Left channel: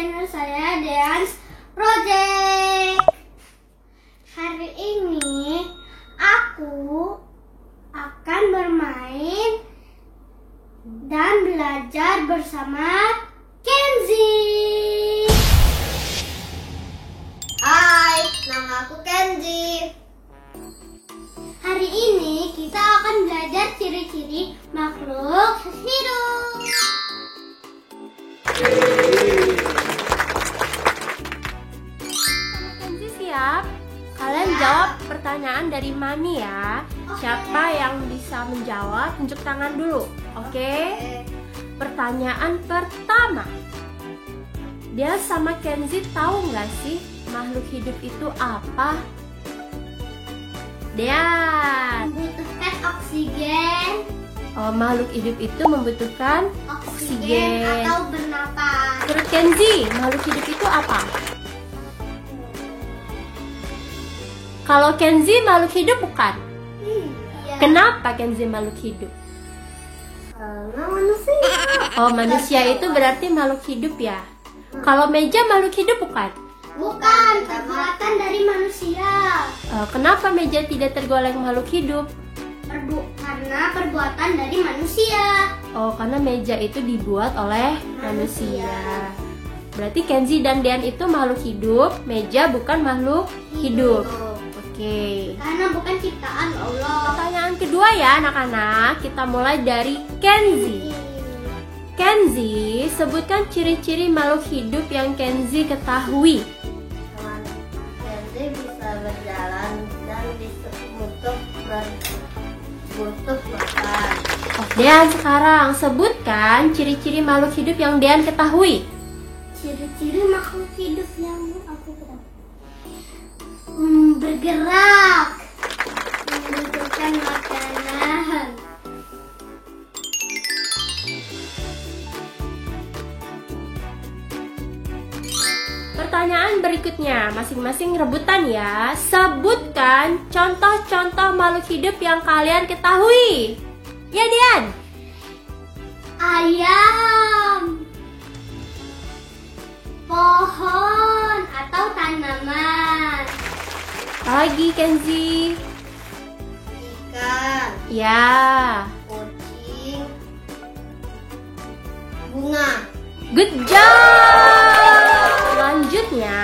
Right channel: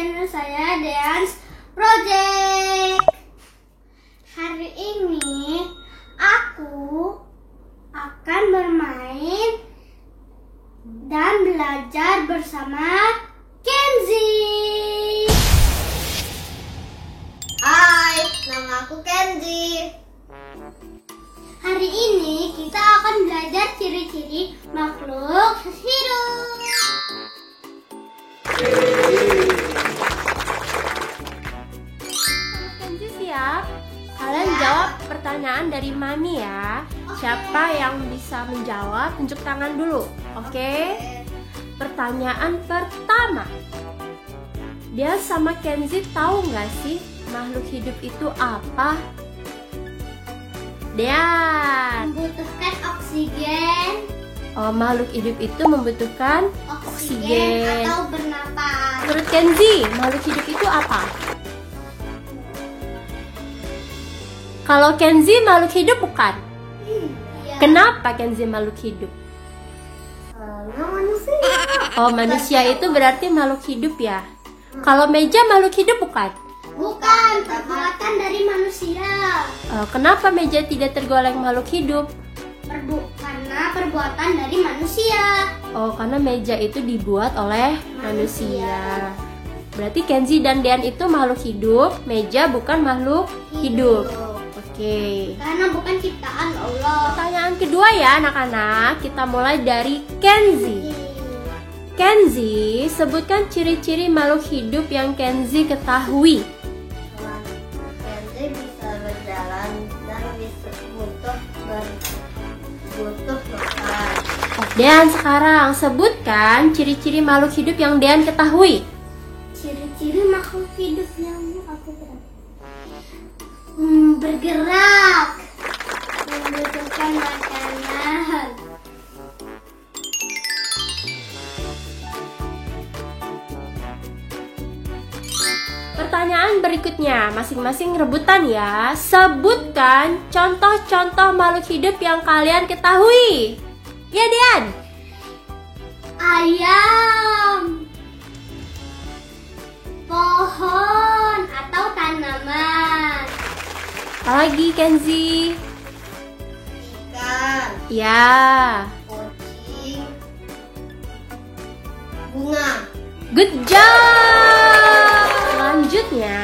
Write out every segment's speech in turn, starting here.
channel saya Dance Project. Hari ini aku akan bermain dan belajar bersama Kenzi. Hai, nama aku Kenzi. Hari ini kita akan belajar ciri-ciri makhluk hidup. Kenzi siap? Kalian jawab pertanyaan dari Mani ya. Siapa yang bisa menjawab, tunjuk tangan dulu. Oke? Pertanyaan pertama. Dia sama Kenzi tahu nggak sih makhluk hidup itu apa? Dean. Membutuhkan oksigen. Oh, makhluk hidup itu membutuhkan Oksigen atau bernapas. Menurut Kenzi, makhluk hidup itu apa? Kalau Kenzi makhluk hidup bukan? Iya. Kenapa Kenzi makhluk hidup? Karena manusia. Oh, manusia itu berarti makhluk hidup ya? Kalau meja makhluk hidup bukan? Bukan, perbuatan dari manusia. Oh, kenapa meja tidak tergolong makhluk hidup? Karena perbuatan dari manusia. Oh, karena meja itu dibuat oleh manusia. Berarti Kenzi dan Dean itu makhluk hidup, meja bukan makhluk hidup. Oke. Karena bukan ciptaan Allah. Pertanyaan kedua ya anak-anak, kita mulai dari Kenzi. Kenzi, sebutkan ciri-ciri makhluk hidup yang Kenzi ketahui. Kenzi bisa berjalan dan butuh makan. Dean sekarang, sebutkan ciri-ciri makhluk hidup yang Dean ketahui. Ciri-ciri makhluk hidup yang aku ketahui. Bergerak, membutuhkan makanan. Pertanyaan berikutnya, masing-masing rebutan ya. Sebutkan contoh-contoh makhluk hidup yang kalian ketahui. Ya, Dean. Ayam, pohon atau tanaman. Lagi Kenzi. Ikan, Ya. kucing, bunga. Good job. Selanjutnya,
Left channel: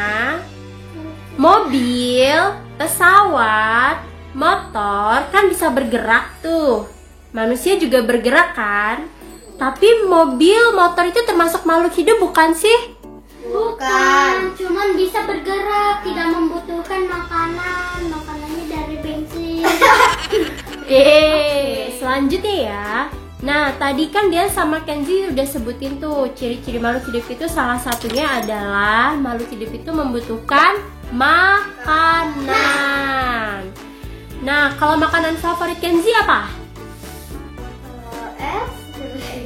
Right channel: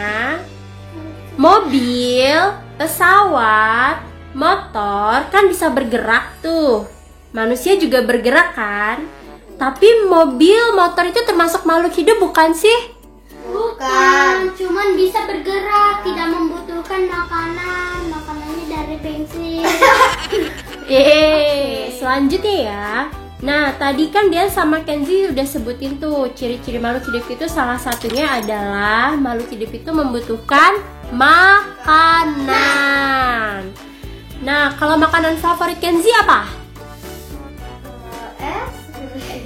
mobil, pesawat, motor kan bisa bergerak tuh. Manusia juga bergerak kan? Tapi mobil, motor itu termasuk makhluk hidup bukan sih? Bukan, cuman bisa bergerak, tidak membutuhkan makanan. Makanannya dari bensin. Oke, selanjutnya ya. Nah, tadi kan dia sama Kenzi udah sebutin tuh ciri-ciri makhluk hidup itu, salah satunya adalah makhluk hidup itu membutuhkan makanan. Nah, kalau makanan favorit Kenzi apa?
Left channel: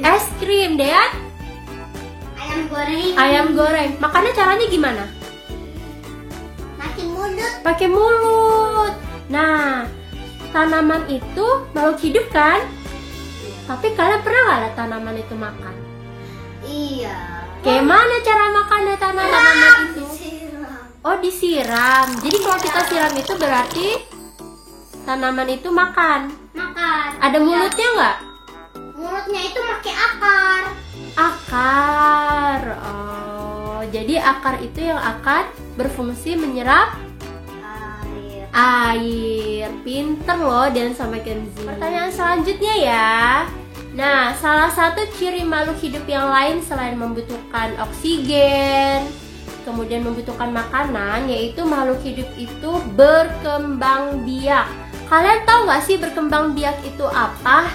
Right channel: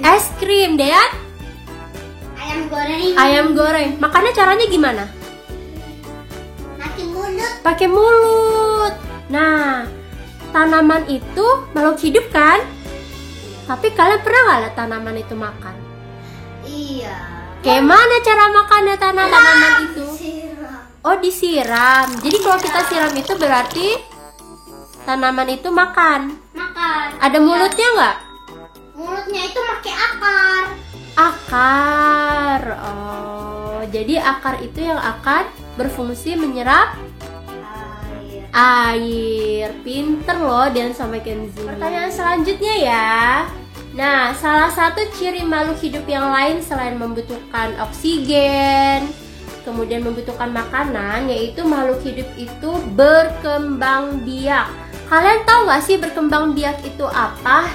Es krim, Dean? Ayam goreng. Ayam goreng. Makannya caranya gimana? Mati mulut. Pakai mulut. Nah, tanaman itu makhluk hidup kan? Tapi kalian pernah nggak lihat tanaman itu makan? Iya. Kayak mana cara makannya tanaman itu? Siram. Oh, disiram. Jadi kalau kita siram itu berarti tanaman itu makan. Makan. Ada mulutnya nggak? Mulutnya itu pakai akar. Akar. Oh, jadi akar itu yang akan berfungsi menyerap Air. air. Pinter loh dan sama Kenzi. Pertanyaan selanjutnya ya. Nah, salah satu ciri makhluk hidup yang lain selain membutuhkan oksigen, kemudian membutuhkan makanan, yaitu makhluk hidup itu berkembang biak. Kalian tahu nggak sih berkembang biak itu apa?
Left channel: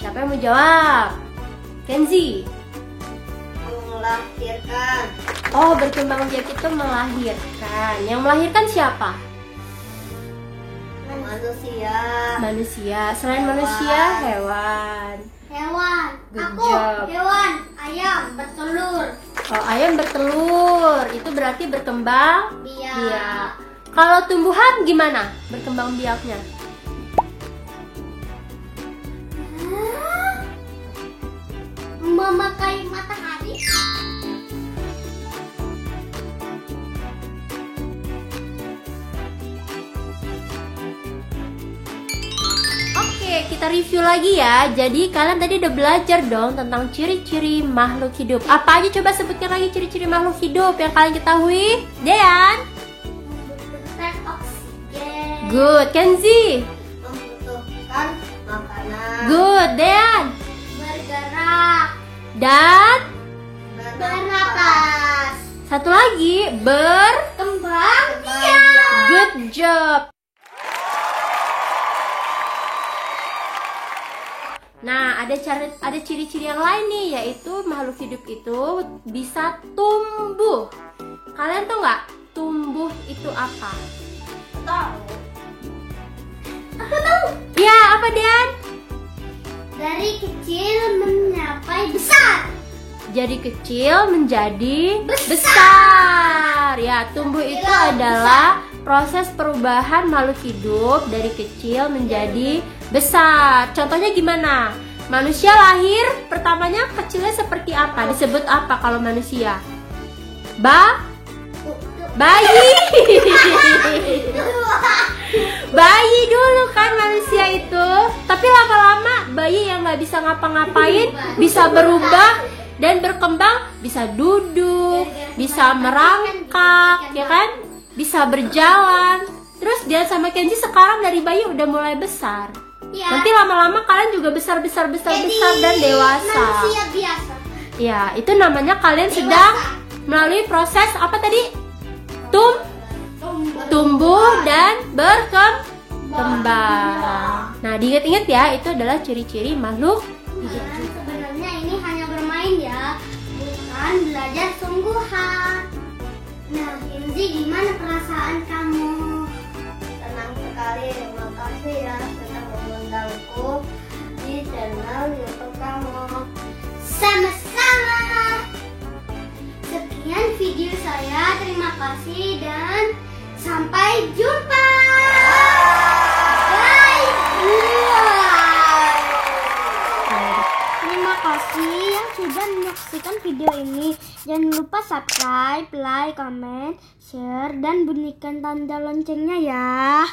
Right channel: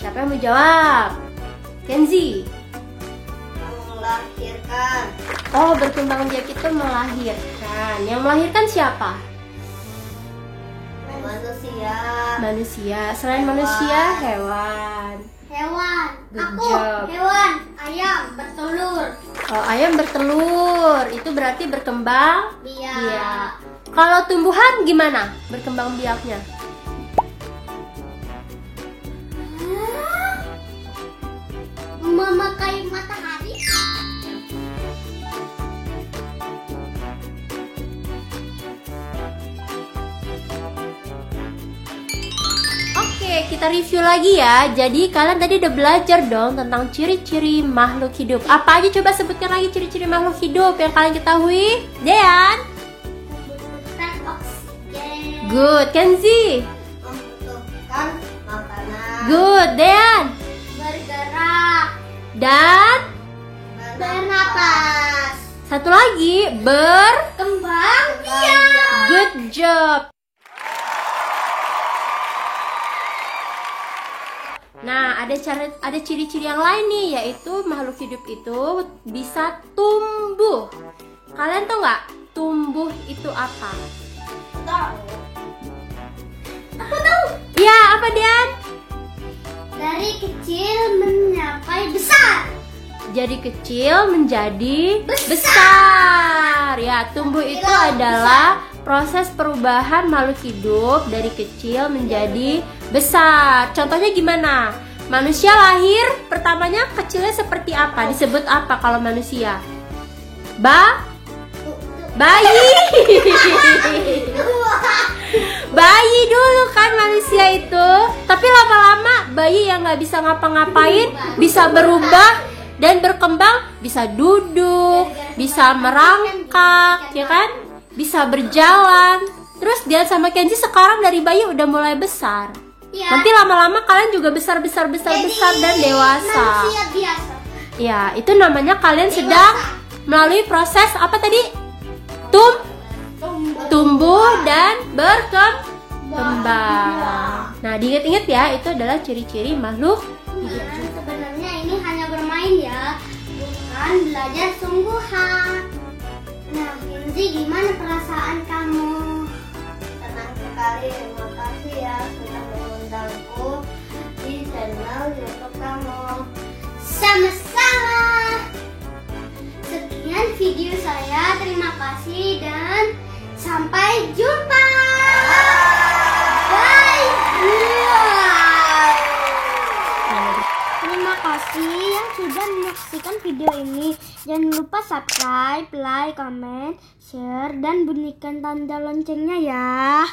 Siapa yang mau jawab? Kenzi. Melahirkan. Oh, berkembang biak itu melahirkan. Yang melahirkan siapa? Manusia. Manusia. Selain manusia, hewan. Hewan. Good Aku job. hewan. Ayam bertelur. Oh, ayam bertelur. Itu berarti berkembang Biak. biak. Kalau tumbuhan gimana berkembang biaknya? Memakai matahari. kita review lagi ya. Jadi kalian tadi udah belajar dong tentang ciri-ciri makhluk hidup. Apa aja coba sebutkan lagi ciri-ciri makhluk hidup yang kalian ketahui? Dean? Membutuhkan oksigen. Good. Kenzi? Membutuhkan makanan. Good. Dean? Bergerak. Dan? Bernapas. Satu lagi, Kembang biak. Good job. Nah, ada ciri-ciri yang lain nih, yaitu makhluk hidup itu bisa tumbuh. Kalian tahu nggak tumbuh itu apa? Tahu. Aku tahu. Ya, apa Dian? Dari kecil mencapai besar. Jadi kecil menjadi besar. Ya, tumbuh itu adalah proses perubahan makhluk hidup dari kecil menjadi besar. Contohnya gimana? Manusia lahir pertamanya kecilnya seperti apa? Disebut apa kalau manusia? Bayi. Bayi dulu kan manusia itu. Tapi lama-lama bayi yang nggak bisa ngapa-ngapain bisa berubah dan berkembang, bisa duduk, bisa merangkak, ya kan? Bisa berjalan. Terus Dian sama Kenzi sekarang dari bayi udah mulai besar. Ya. Nanti lama-lama kalian juga besar dan dewasa. Manusia biasa. Ya, itu namanya kalian sedang melalui proses apa tadi? Tumbuh dan berkembang. Nah, diingat-ingat ya, itu adalah ciri-ciri makhluk hidup. Dan sebenarnya ini hanya bermain ya, bukan belajar sungguhan. Nah, Kenzi, gimana perasaan kamu? Senang sekali. Terima kasih ya sudah mengundangku di channel YouTube kamu. Sama-sama. Sekian video saya. Terima kasih dan sampai jumpa. Bye. Terima kasih yang sudah menyaksikan video ini. Jangan lupa subscribe, like, comment, share, dan bunyikan tanda loncengnya ya.